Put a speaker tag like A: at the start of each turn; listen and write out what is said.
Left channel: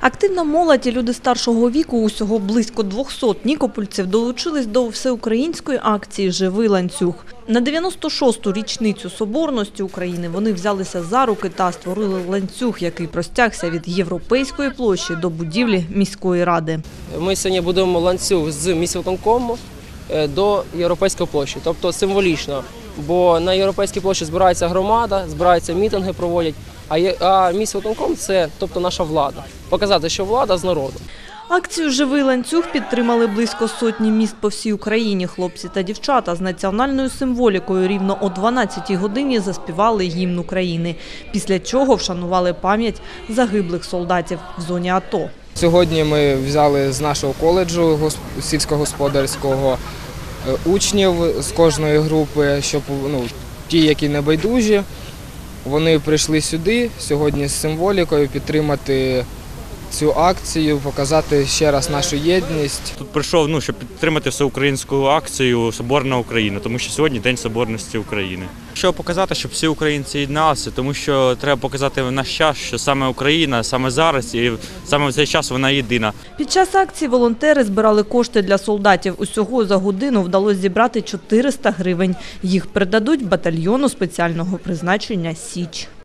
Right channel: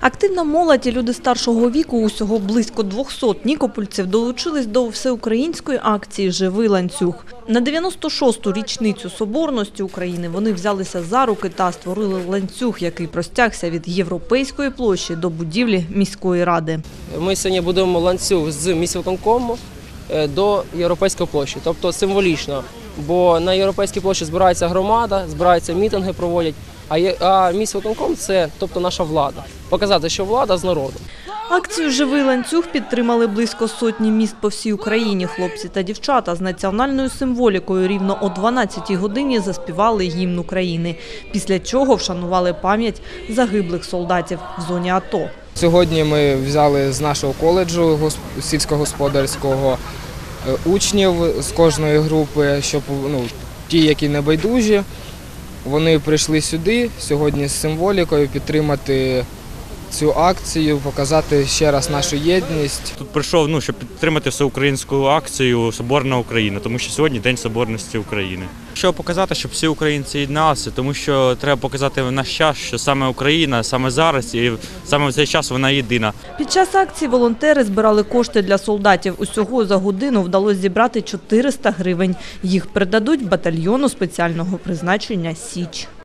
A: Активна молодь і люди старшого віку, усього близько 200 нікопольців, долучились до всеукраїнської акції «Живий ланцюг». На 96-ту річницю Соборності України вони взялися за руки та створили ланцюг, який простягся від Європейської площі до будівлі міської ради. Акцію «Живий ланцюг» підтримали близько сотні міст по всій Україні. Хлопці та дівчата з національною символікою рівно о 12-й годині заспівали гімн України, після чого вшанували пам'ять загиблих солдатів в зоні АТО. Під час акції волонтери збирали кошти для солдатів. Усього за годину вдалося зібрати 400 гривень. Їх передадуть батальйону спеціального призначення «Січ».